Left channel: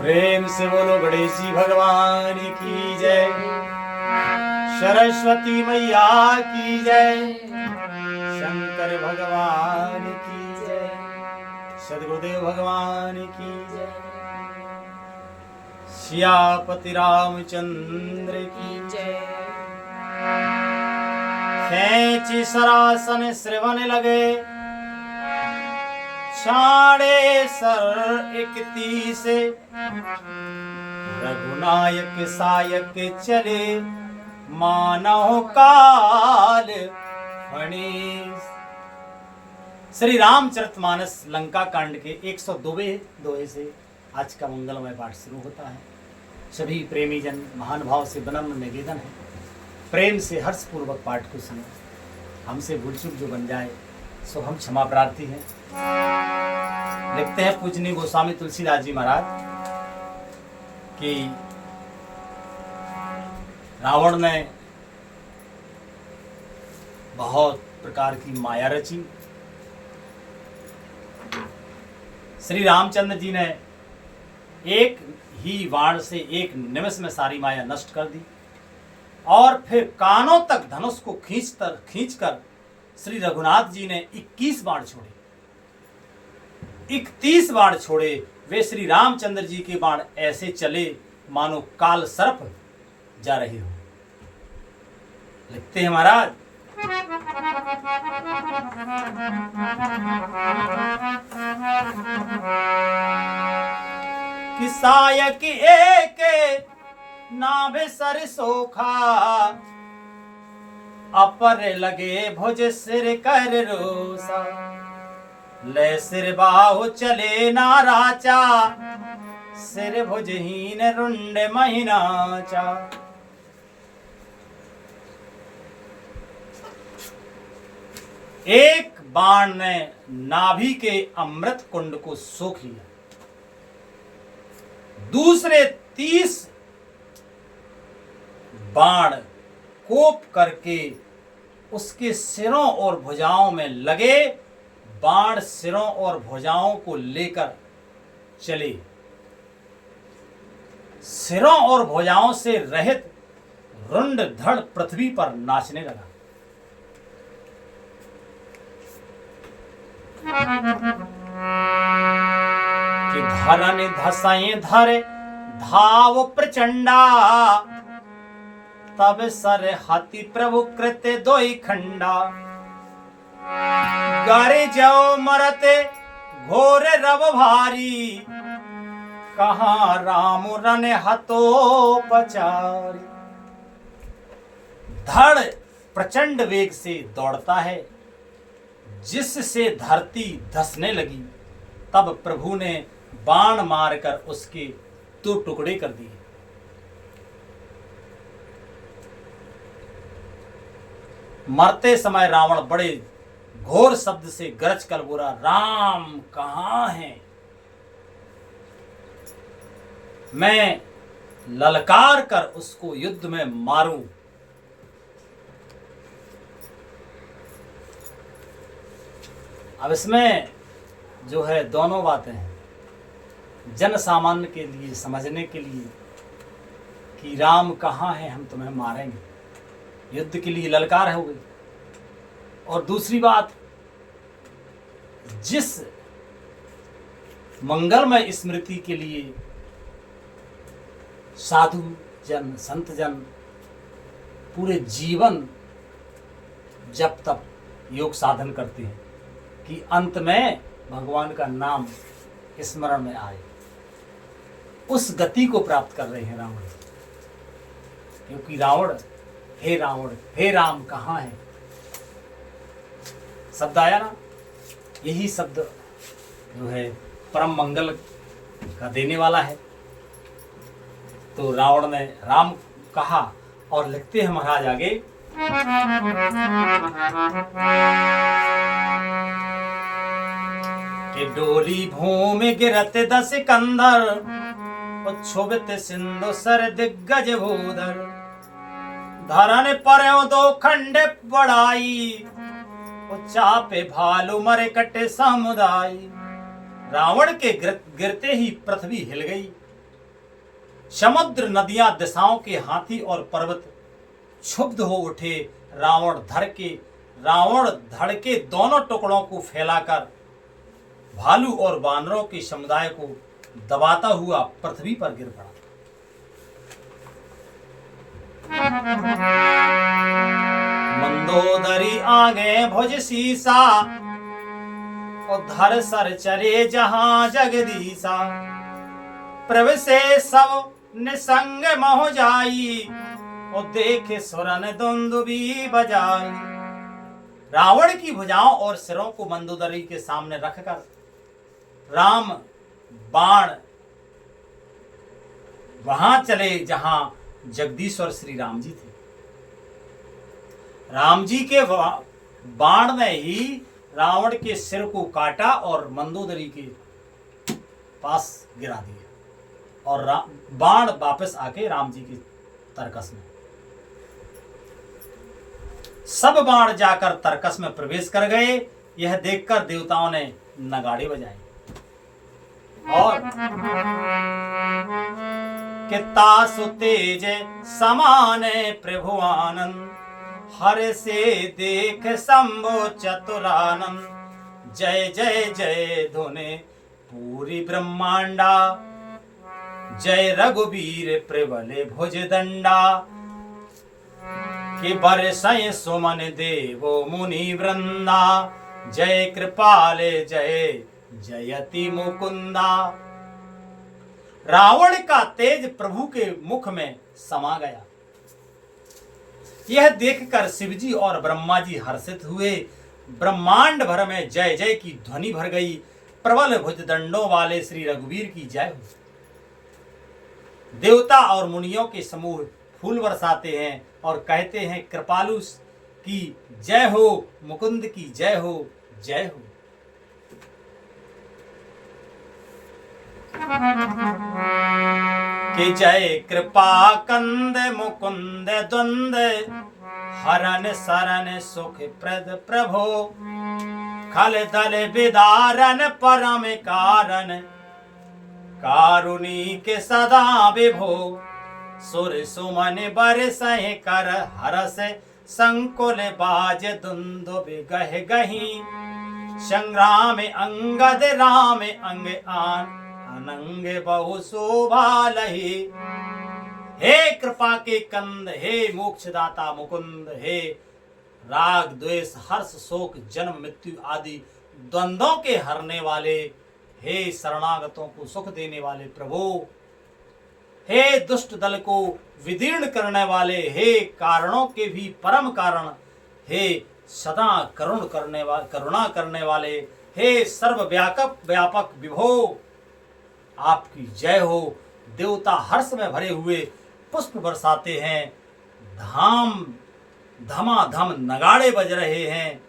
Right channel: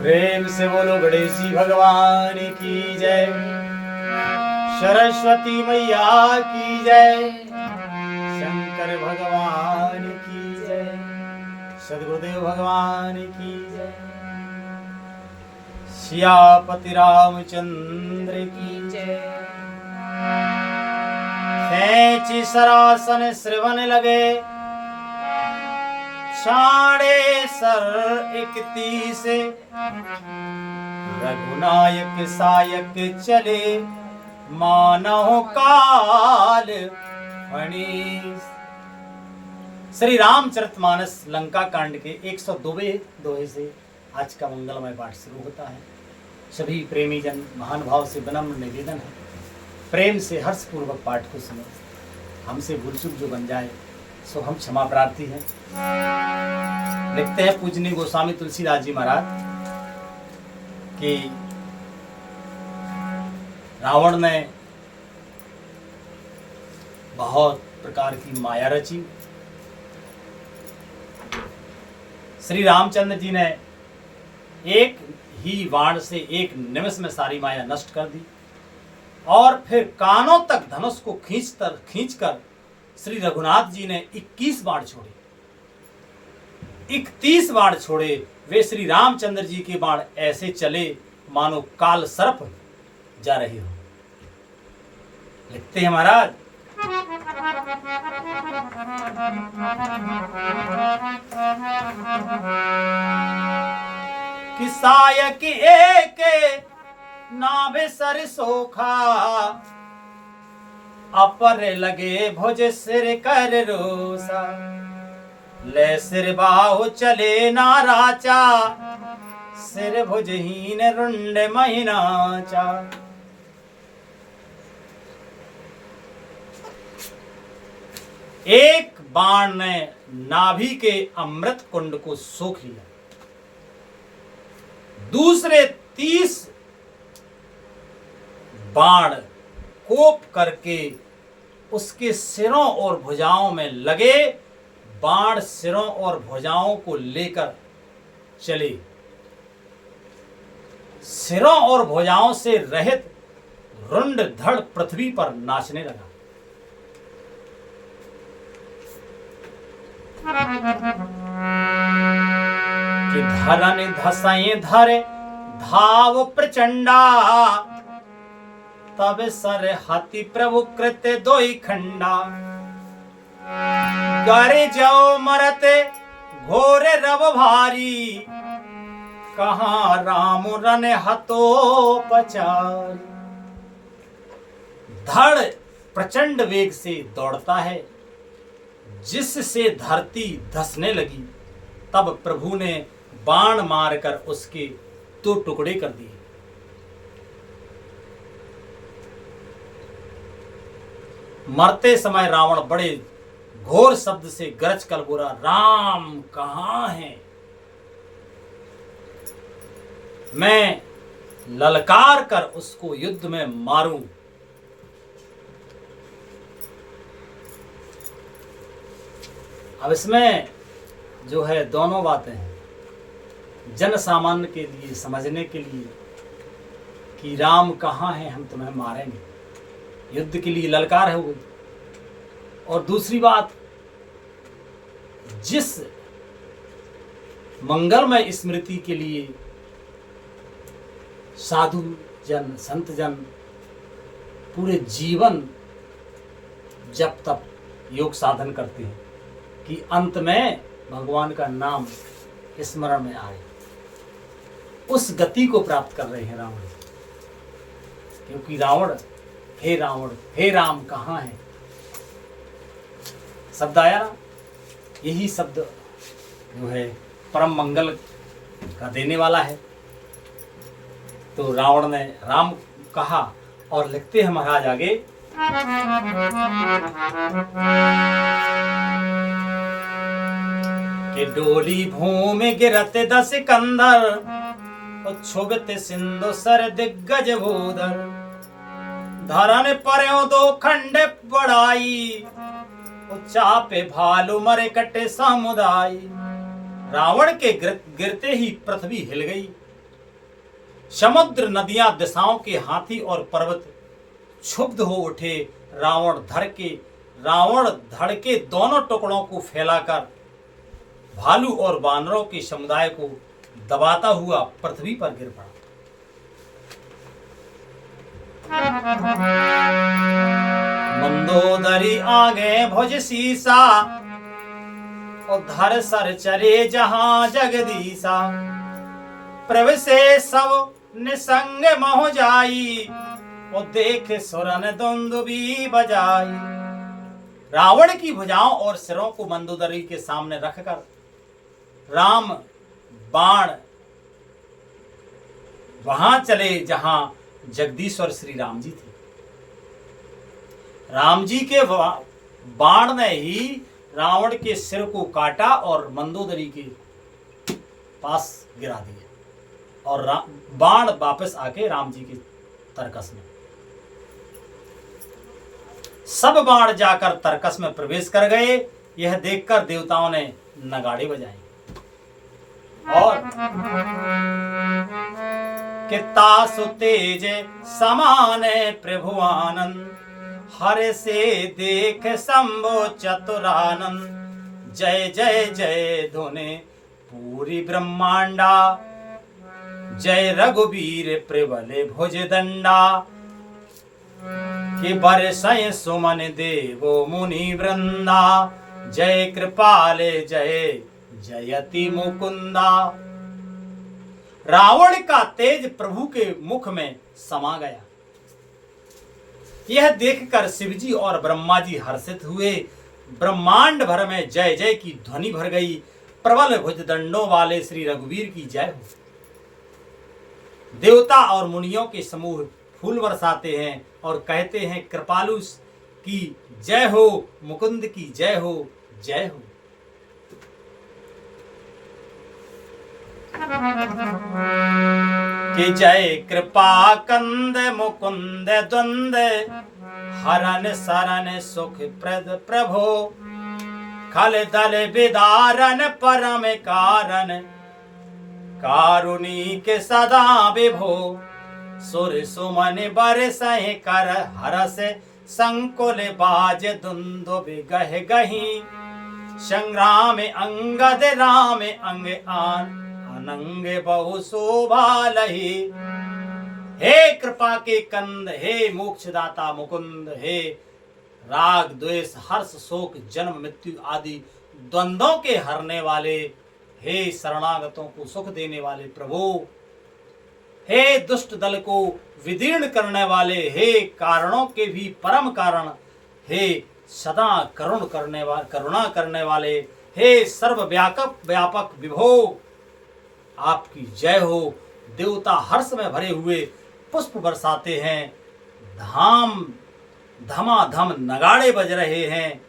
प्रेम से बोलो गणेश जी भगवान की जय, सरस्वती मैया की जय, शंकर भगवान की जय, सदगुरुदेव भगवान की जय, सियापति रामचंद्र की जय। खेची सरासन श्रवण लगे, साढ़े सर 31 रघुनायक सायक चले, मानव काल फणीस। श्री रामचरितमानस लंका कांड के 102वें दोहे से आज का मंगलमय पाठ शुरू होता है। सभी प्रेमी जन महान भाव से विनम्र निवेदन है, प्रेम से हर्षपूर्वक पाठ को सुनो। हमसे भूल चूक जो बन जाए सो हम क्षमा प्रार्थी हैं। लिखते हैं पूजनीय गोस्वामी तुलसीदास जी महाराज कि रावण ने बहुत प्रकार की माया रची, श्री रामचंद्र जी ने एक ही बाण से एक निमिष में सारी माया नष्ट कर दी और फिर कानों तक धनुष को खींचकर श्री रघुनाथ जी ने 21 बाण छोड़े, 31 बाण छोड़े। वे श्री रामचंद्र जी के बाण ऐसे चले मानो काल सर्प जा रहे हो। लिखते हैं महाराज, कि सायक एक नाभे सर सोखा, अपर लगे भुज सिर कर रोसा, ले सिर बाहु चले नाराचा, सिर भुजहीन रुंड महीनाचा। एक बाण ने नाभि के अमृत कुंड को सोख लिया, दूसरे 30 बाण कोप करके उसके सिरों और भुजाओं में लगे। बाण सिरों और भुजाओं को लेकर चले, सिरों और भुजाओं से रहित रुंड धड़ पृथ्वी पर नाचने लगा। कि धरन धसई धरे धाव प्रचंडा, तब सर हाथी प्रभु कृत दोई खंडा। गारे जाओ मरते घोर रव भारी, कहाँ राम रन हतो पचारी। धड़ प्रचंड वेग से दौड़ता है, जिससे धरती धसने लगी। तब प्रभु ने बाण मारकर उसके 2 टुकड़े कर दिए। मरते समय रावण बड़े घोर शब्द से गरज कर बोला, राम कहां है? मैं ललकार कर उसको युद्ध में मारूं। अब इसमें जो है दोनों बातें हैं, जन सामान्य के लिए समझने के लिए कि राम कहां है, हम तुम्हें मारेंगे, युद्ध के लिए ललकार हो गई। और दूसरी बात, जिस मंगलमय स्मृति के लिए साधु जन संत जन पूरे जीवन जब तक योग साधन करते हैं कि अंत में भगवान का नाम स्मरण में आए, उस गति को प्राप्त कर रहे हैं रावण। क्योंकि रावण, हे राम कहाँ है, शब्द आया ना, यही शब्द जो है परम मंगल का देने वाला है। तो रावण ने राम कहा और लिखते हैं महाराज आगे, कि डोली भूमि गिरत 10 कंधर, क्षुभित सिंधु सर दिग्गज भूधर। धरन पर्यो 2 खंड बढ़ाई, चापे भालू मरे कटे समुदाय। रावण के गिरते ही पृथ्वी हिल गई समुद्र नदियां दिशाओं के हाथी और पर्वत क्षुब्ध हो उठे। रावण धड़ के दोनों टुकड़ों को फैलाकर भालू और वानरों के समुदाय को दबाता हुआ पृथ्वी पर गिर पड़ा। मंदोदरी आगे भुज सीसा, उधर सर चले जहां जगदीशा। प्रभु से सब निसंग मोह जाई, और देख सुरन दुंदुबी बजाई। रावण की भुजाओं और सिरों को मंदोदरी के सामने रखकर राम बाण वहां चले जहां जगदीश्वर श्री राम जी थे। राम जी के बाण ने ही रावण के सिर को काटा और मंदोदरी के पास गिरा दिया, और बाण वापस आके राम जी के तरकस में। सब बाण जाकर तरकस में प्रवेश कर गए। यह देखकर देवताओं ने नगाड़े बजाए और कितना सुतेज समान प्रभु आनंद, हर से देख शंभो चतुरानंद। जय जय जय धुने पूरी ब्रह्मांडा, जय रघुवीर प्रबल भुज दंडा। कि बरसय सुमन देवो मुनि वृंदा, जय कृपाले जय जयति मुकुंदा। रावण का तेज प्रभु के मुख में समा गया। यह देखकर शिवजी और ब्रह्मा जी हर्षित हुए। ब्रह्मांड भर में जय जय की ध्वनि भर गई। प्रबल भुजदंडों वाले श्री रघुवीर की जय हो। देवता और मुनियों के समूह फूल बरसाते हैं और कहते हैं कृपालु की जय हो, मुकुंद की जय हो, जय हो। कि जय कृपा कंद मुकुंद द्वंद, हरन सरन सुख प्रद प्रभो। खल दल विदारन परम कारण, कारुणिक सदा विभो। सुर सुमन बरसहि कर हरस, संकुल बाज दुंदुभ गह गही। संग्राम अंगद राम अंग आन, अनंग बहु शोभा लही। हे कृपा के कंद, हे मोक्षदाता मुकुंद, हे राग द्वेष हर्ष शोक जन्म मृत्यु आदि द्वंद्वों के हरने वाले, हे शरणागतों को सुख देने वाले प्रभु, हे दुष्ट दल को विदीर्ण करने वाले, हे कारणों के भी परम कारण, हे सदा करुणा करने वाले, हे सर्व व्यापक विभो, आपकी जय हो। देवता हर्ष में भरे हुए पुष्प बरसाते हैं। धमाधम नगाड़े बज रहे हैं।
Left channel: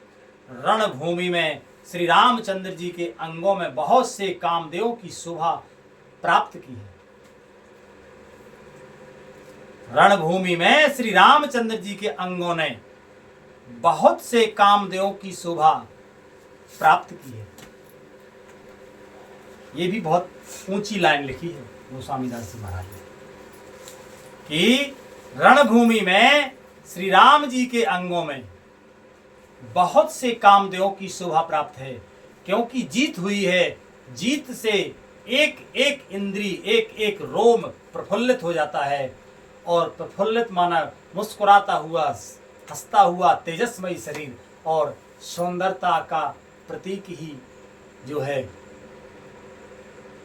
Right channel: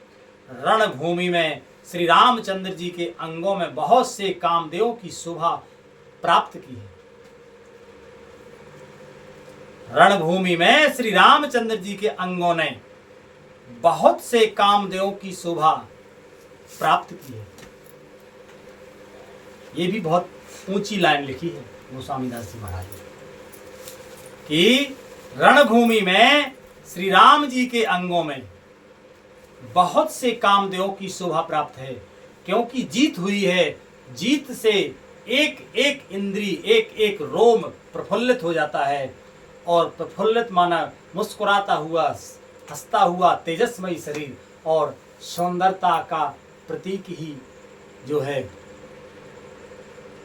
रणभूमि में श्री रामचंद्र जी के अंगों में बहुत से कामदेवों की शोभा प्राप्त की है। रणभूमि में श्री रामचंद्र जी के अंगों ने बहुत से कामदेवों की शोभा प्राप्त की है। ये भी बहुत ऊंची लाइन लिखी है गोस्वामी दास जी महाराज ने कि रणभूमि में श्री राम जी के अंगों में बहुत से कामदेवों की शोभा प्राप्त है, क्योंकि जीत हुई है। जीत से एक एक इंद्री, एक एक रोम प्रफुल्लित हो जाता है, और प्रफुल्लित माना मुस्कुराता हुआ, हंसता हुआ तेजस्मयी शरीर और सौंदर्यता का प्रतीक ही जो है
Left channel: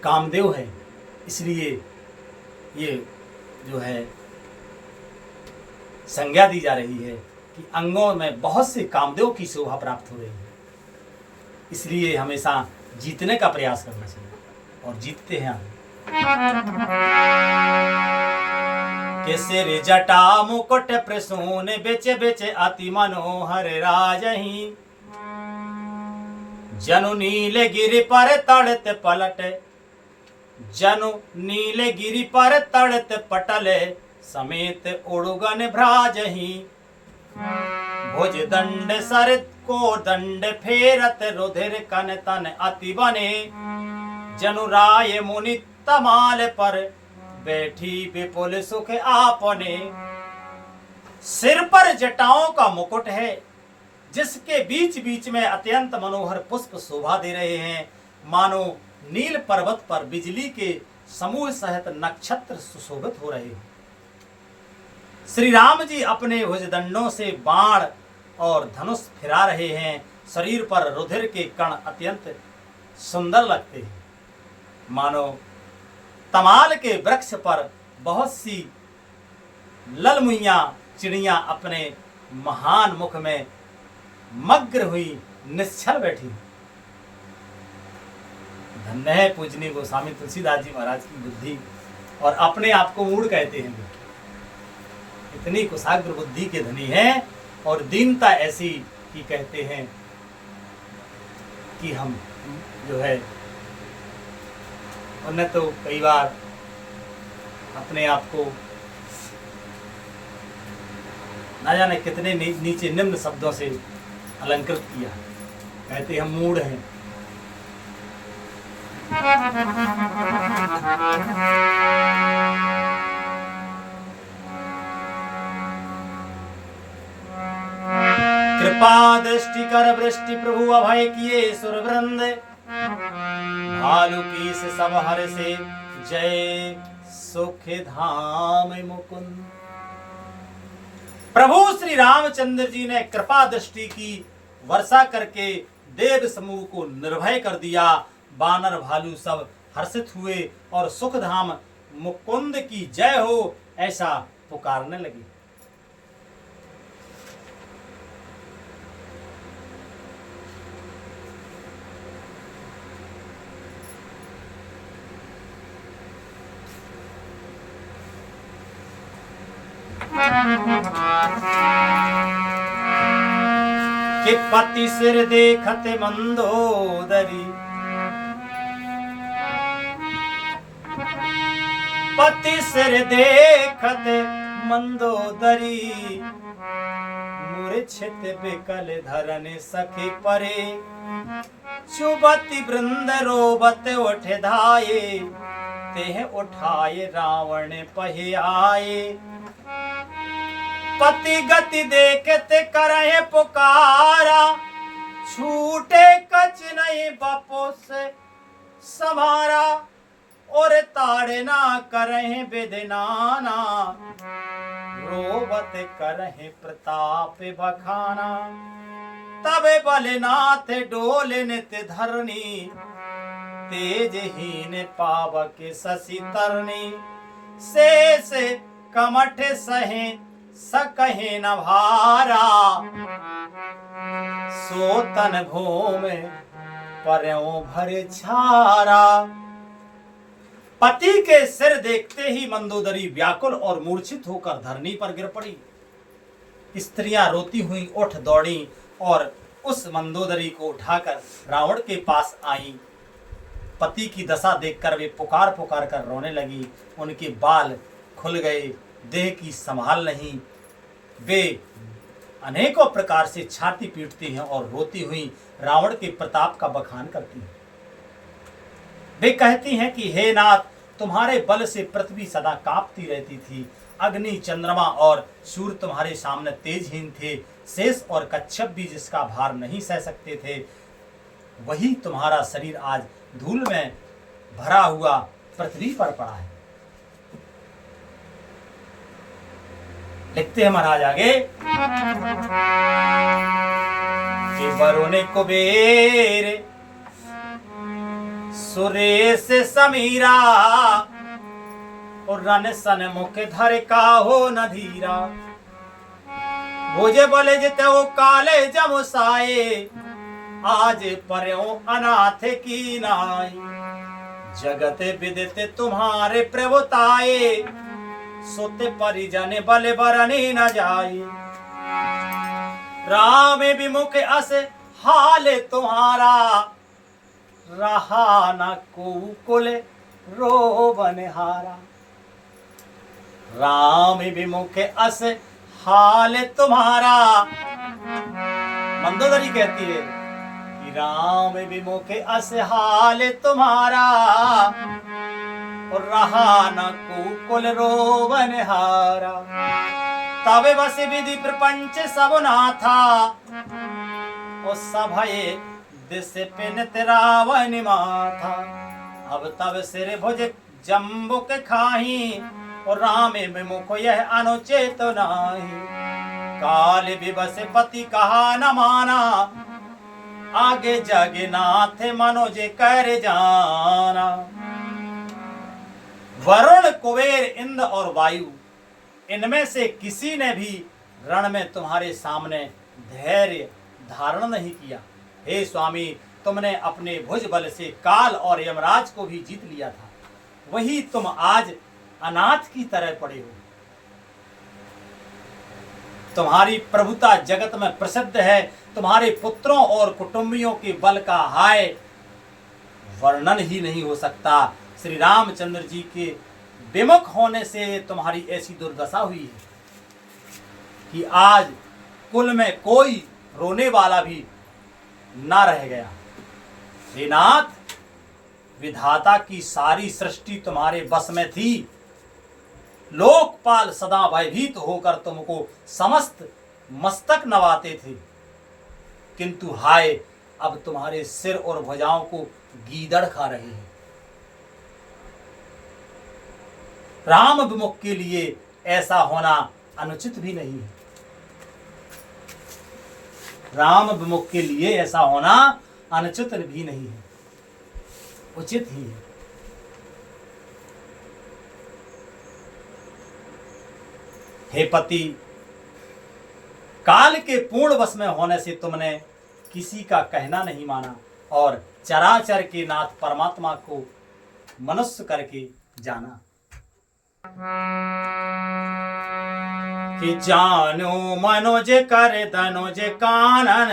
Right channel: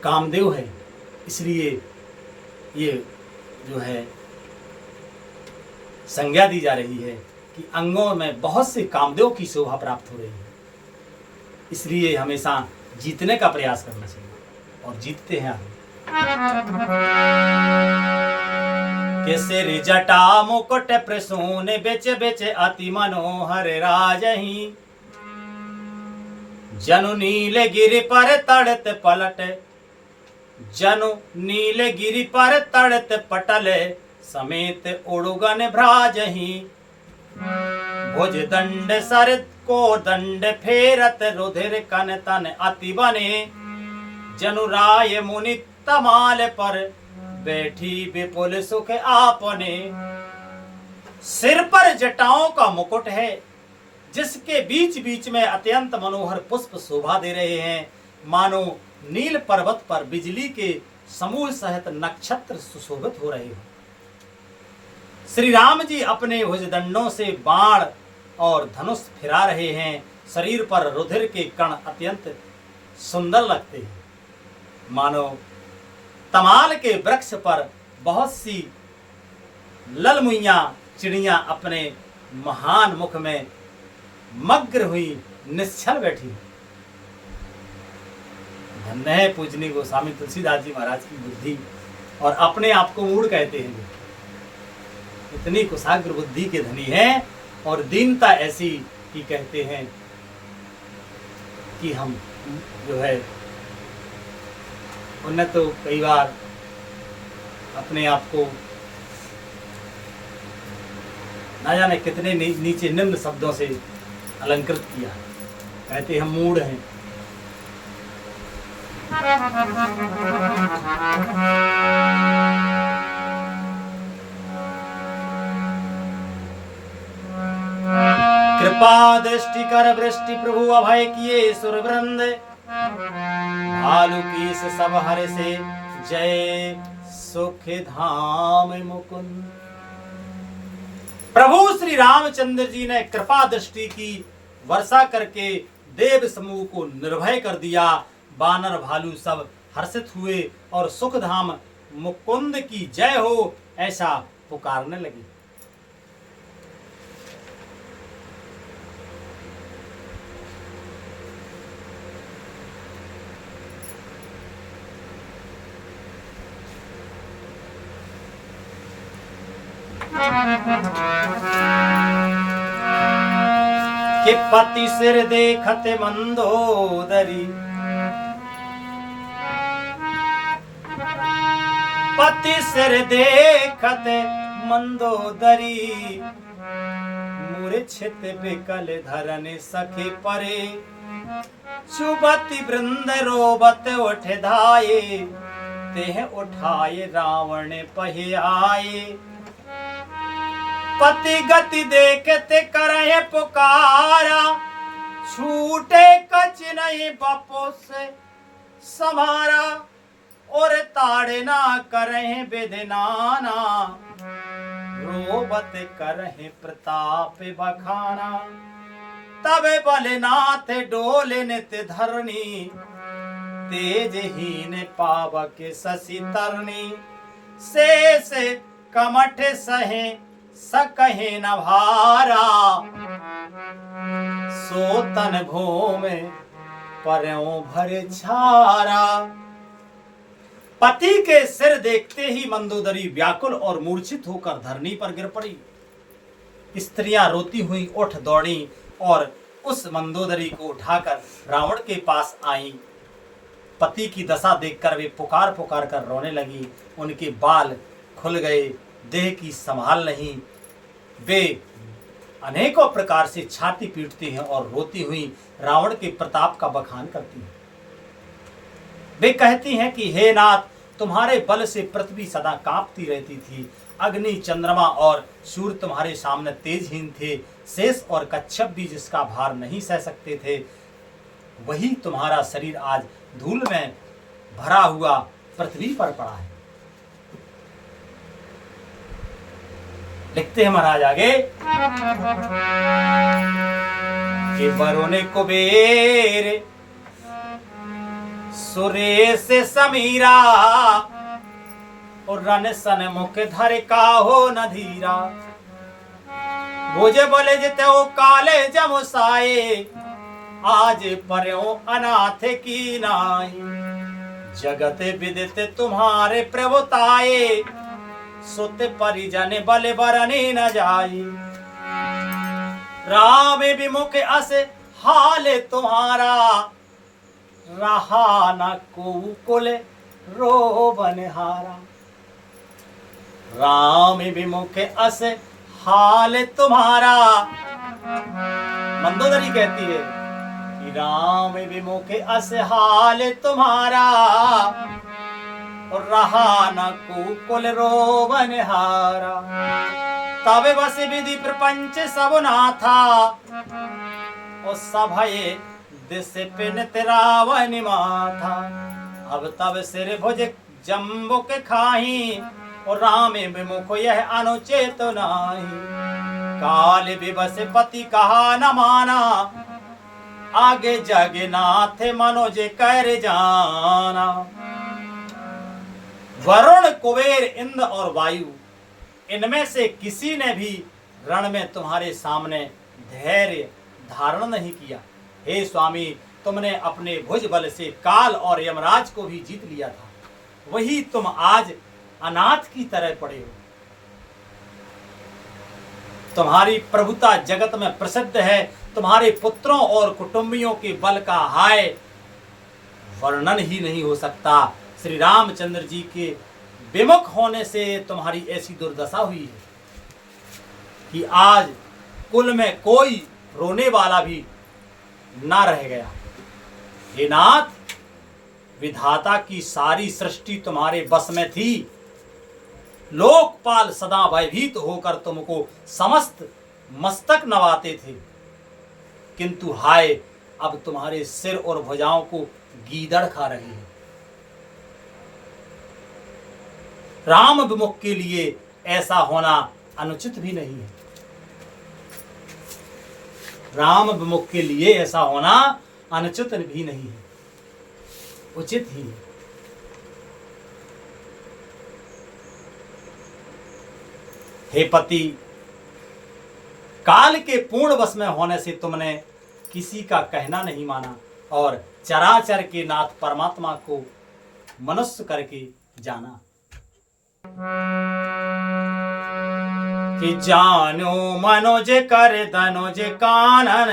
कामदेव है। इसलिए ये जो है संज्ञा दी जा रही है कि अंगों में बहुत से कामदेव की शोभा प्राप्त हो रही है। इसलिए हमेशा जीतने का प्रयास करना चाहिए और जीतते हैं आगे। के सिर जटा मुकुट प्रसून बेच बेच अति मनोहर राजही। जनु नील गिरि पर तड़त पलट, जनु नील गिरि पर तड़त पटल, समेत उड़ुगन भ्राजही। भुज दंड सर को दंड फेरत, रुधिर कन तन अति बने। जनु राय मुनि तमाल पर बैठी विपुल सुख आपने। सिर पर जटाओं का मुकुट है, जिसके बीच बीच में अत्यंत मनोहर पुष्प शोभा दे रहे हैं, मानो नील पर्वत पर बिजली के समूह सहित नक्षत्र सुशोभित हो रहे हो। श्री राम जी अपने भुजदंडों से बाण और धनुष फिरा रहे हैं। शरीर पर रुधिर के कण अत्यंत सुंदर लगते हैं, मानो तमाल के वृक्ष पर बहुत सी ललमुइयां चिड़ियां अपने महान मुख में मग्न हुई निश्चल बैठी। धन्य है पूजनीय गोस्वामी तुलसीदास जी महाराज की बुद्धि, और अपने आप को मूढ़ कहते हैं। इतनी कुशाग्र बुद्धि के धनी है, और दीनता ऐसी कि कहते हैं कि हम जो है, उन्होंने तो कई बार अपने आप को ना जाने कितने नीचे निम्न शब्दों से अलंकृत किया। कहते हम मूढ़ हैं। कृपा दृष्टि कर वृष्टि प्रभु अभय किए सुरवृंद। भालू की सब हर से जय सुख धाम मुकुंद। प्रभु श्री रामचंद्र जी ने कृपा दृष्टि की वर्षा करके देव समूह को निर्भय कर दिया। बानर भालू सब हर्षित हुए और सुखधाम मुकुंद की जय हो ऐसा पुकारने लगे। कि पति सिर देखते मंदोदरी, पति सिर देखते मंदोदरी। मूर्छित विकल धरन सखे परे, चुबति वृंद रोबत उठ धाये। तेह उठाए रावण पहे आए, पति गति देखते करहे पुकारा। छूटे कच नहीं बपो से समारा, और ताड़े ना करहे विधिनाना। रोबत करहे प्रताप बखाना, तबे बलनाथ डोले नित धरनी। तेजहीन पावक शशि तरनी, शेष कमठ सहे सकहे न भारा। सोतन भूमि पर्यों भर छारा। पति के सिर देखते ही मंदोदरी व्याकुल और मूर्छित होकर धरनी पर गिर पड़ी। स्त्रियां रोती हुई उठ दौड़ी और उस मंदोदरी को उठाकर रावण के पास आईं। पति की दशा देखकर वे पुकार पुकार कर रोने लगी। उनके बाल खुल गए, देह की संभाल नहीं। वे अनेकों प्रकार से छाती पीटती हैं और रोती हुई रावण के प्रताप का बखान करती हैं। वे कहती हैं कि हे नाथ, तुम्हारे बल से पृथ्वी सदा कांपती रहती थी। अग्नि, चंद्रमा और सूर्य तुम्हारे सामने तेजहीन थे। शेष और कच्छप भी जिसका भार नहीं सह सकते थे, वही तुम्हारा शरीर आज धूल में भरा हुआ पृथ्वी पर पड़ा है। लिखते हैं महाराज आगे कि वरुण कुबेर सुरेश समीरा, और रन सन मुख धर काहो न धीरा। भुज बल जितो काले जमुसाए, आज पर्यो अनाथ की नाई। जगत विदित तुम्हारे प्रभुताए, सुत परिजन बल बरनी न जाई। राम विमुख अस हाल तुम्हारा, रहा न कुल रोबन हारा। राम विमुख अस हाल तुम्हारा। मंदोदरी कहती है कि राम विमुख अस हाल तुम्हारा। और रहा न कुकुल रोवन हारा। तब बस विधि प्रपंच सब नाथा और सभये दिस पिनत रावण माथा। अब तब सिर भुज जम्बुक खाही और राम विमुख यह अनुचित नाही। काल विवश पति कहा न माना आगे जगन्नाथ मनोज कर जाना। वरुण कुबेर इंद्र और वायु इनमें से किसी ने भी रण में तुम्हारे सामने धैर्य धारण नहीं किया। हे स्वामी, तुमने अपने भुज बल से काल और यमराज को भी जीत लिया था, वही तुम आज अनाथ की तरह पड़े हो। तुम्हारी प्रभुता जगत में प्रसिद्ध है। तुम्हारे पुत्रों और कुटुंबियों के बल का हाय वर्णन ही नहीं हो सकता। श्री रामचंद्र जी के विमुख होने से तुम्हारी ऐसी दुर्दशा हुई है कि आज कुल में कोई रोने वाला भी ना रह गया। हे नाथ, विधाता की सारी सृष्टि तुम्हारे बस में थी। लोकपाल सदा भयभीत होकर तुमको समस्त मस्तक नवाते थे, किंतु हाय अब तुम्हारे सिर और भुजाओं को गीदड़ खा रही है। राम विमुख के लिए ऐसा होना अनुचित भी नहीं है। राम विमुख के लिए ऐसा होना अनुचित भी नहीं है, उचित ही है। हे पति, काल के पूर्ण वश में होने से तुमने किसी का कहना नहीं माना और चराचर के नाथ परमात्मा को मनुष्य करके जाना। कि जानो मनोज कर धनुज कानन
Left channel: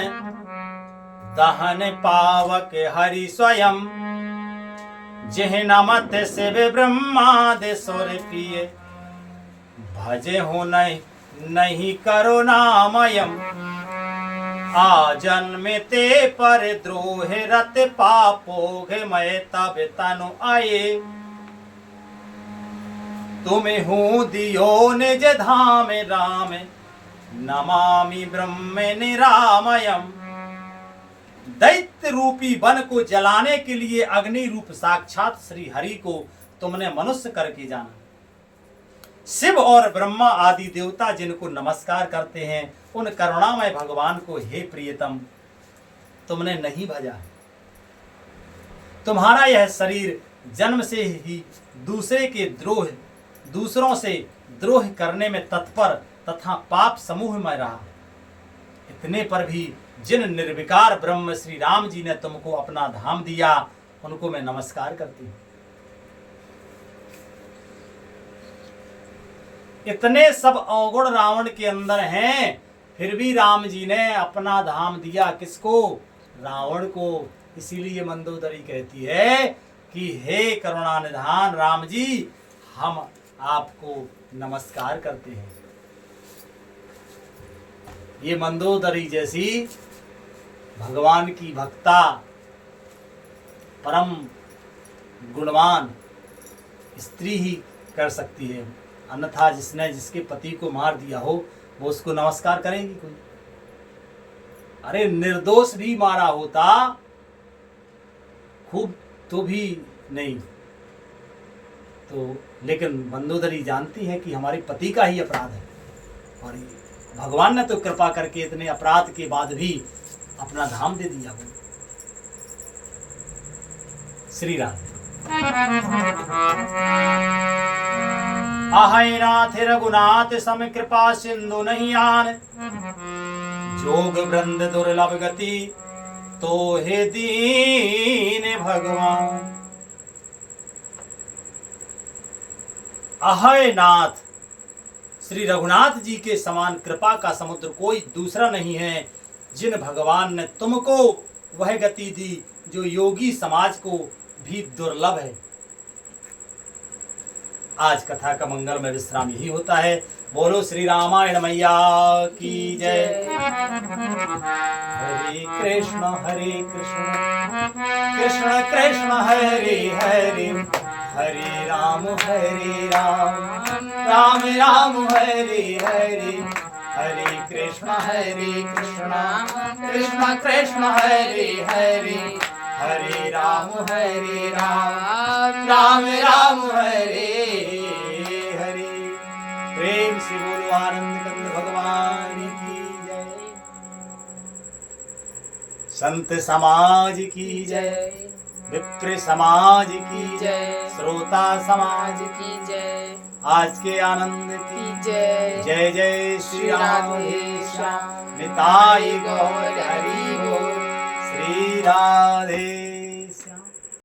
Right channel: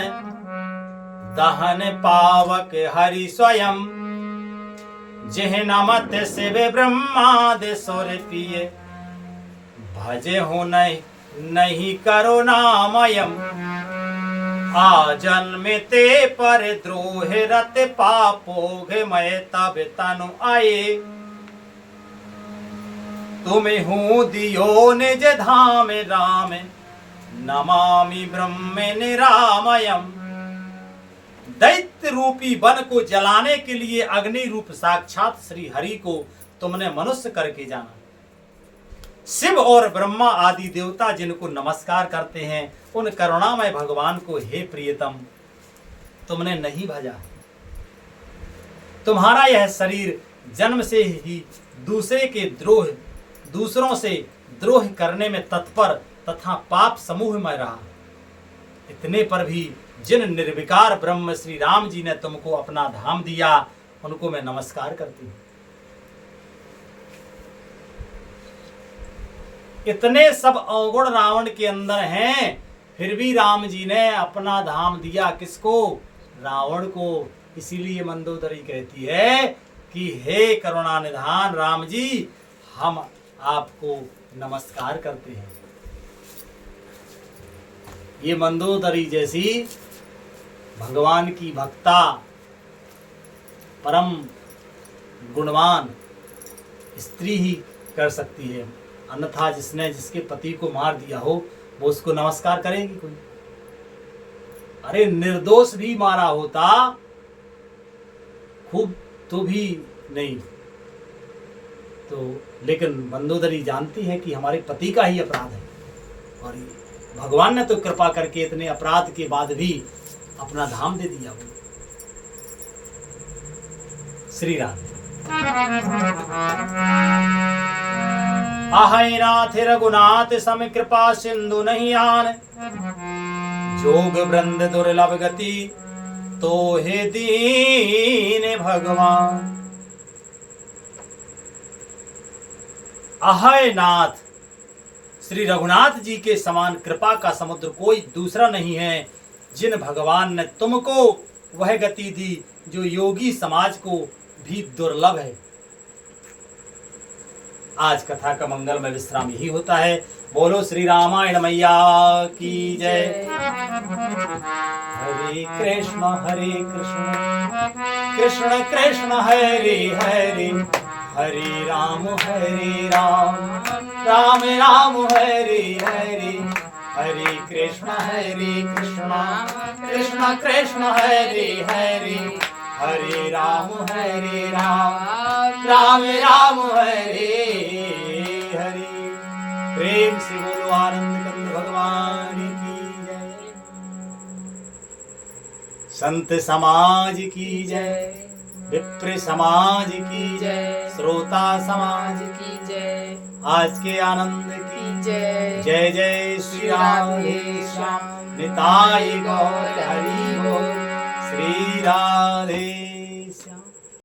दहन पावक हरि स्वयं। जिह नमत शिव ब्रह्मादि सुर पिए भजे हो नहीं करो नामयम। आ जन्मते पर द्रोह रत पापोघ मैं तब तनु आए। तुम्हें हूँ दियो निज धाम राम नमामि ब्रह्म निरामयम। दैत्य रूपी वन को जलाने के लिए अग्नि रूप साक्षात श्री हरि को तुमने मनुष्य करके जाना। शिव और ब्रह्मा आदि देवता जिनको नमस्कार करते हैं, उन करुणामय भगवान को हे प्रियतम तुमने नहीं भजा। तुम्हारा यह शरीर जन्म से ही दूसरों से द्रोह करने में तत्पर तथा पाप समूह में रहा। इतने पर भी जिन निर्विकार ब्रह्म श्री राम जी ने तुमको अपना धाम दिया, उनको मैं नमस्कार करती हूँ। इतने सब अवगुण रावण के अंदर हैं, फिर भी राम जी ने अपना धाम दिया किसको? रावण को। इसीलिए मंदोदरी कहती है कि हे करुणा निधान राम जी, हम आपको नमस्कार करते हैं। ये मंदोदरी जैसी भगवान की भक्ता, परम गुणवान स्त्री ही कर सकती है। अन्यथा जिसके पति को मार दिया हो वो उसको नमस्कार करेगी कोई? अरे निर्दोष भी मारा होता खूब तो भी नहीं। तो लेकिन मंदोदरी जानती है कि हमारे पति का ही अपराध है, और भगवान ने तो कृपा करके इतने अपराध के बाद भी अपना धाम दे दिया। वो श्री राम। आहै नाथ रघुनाथ सम कृपा सिंधु नहीं आन। जोग वृंद दुर्लभ गति तो हे दीन भगवान। अहय नाथ, श्री रघुनाथ जी के समान कृपा का समुद्र कोई दूसरा नहीं है। जिन भगवान ने तुमको वह गति दी जो योगी समाज को भी दुर्लभ है। आज कथा का मंगल में विश्राम यही होता है। बोलो श्री रामायण मैया की जय। हरे कृष्ण कृष्ण कृष्ण हरे हरे, हरे राम राम राम हरे हरे, हरे कृष्ण कृष्ण कृष्ण हरे हरे, हरे राम राम राम हरे हरे। प्रेम से बोलो आनंद कंद भगवान की जय। संत समाज की जय, विप्र समाज की जय, श्रोता समाज की जय, आज के आनंद की जय। जय जय श्री राम श्याम, निताय गौर हरि बोल। श्री राधे